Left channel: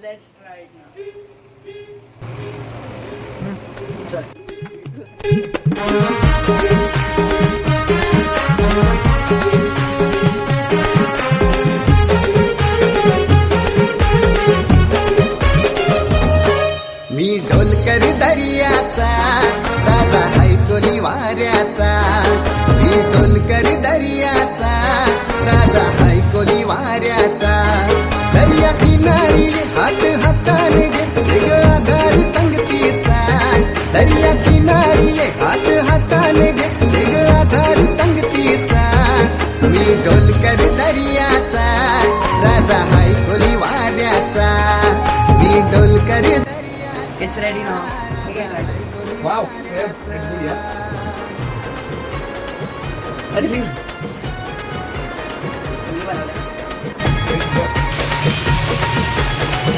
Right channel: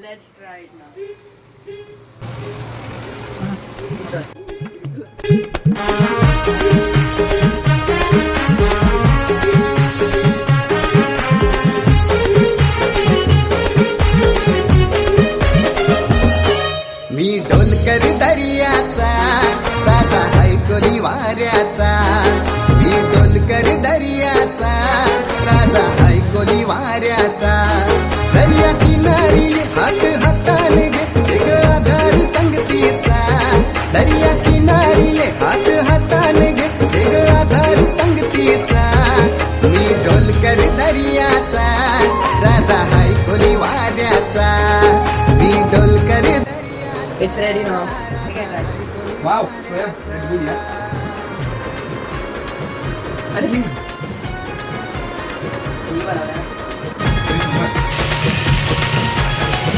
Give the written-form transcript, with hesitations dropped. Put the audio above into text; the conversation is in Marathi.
Let's try it now. मी डोलकर दर्याचा राजा हैकोली वाऱ्याचा मी डोलकर दर्याचा राजा हैकोली वाऱ्याचा दर्या किनारी हात हाताने घेतले ग आधार संगतीचा दर्या किनारी हात हाताने घेतले ग आधार संगतीचा मी डोलकर दर्याचा राजा हैकोली वाऱ्याचा मी Dolkar It's ready now. Wow, so that's good, yeah. अरे मी बनवलं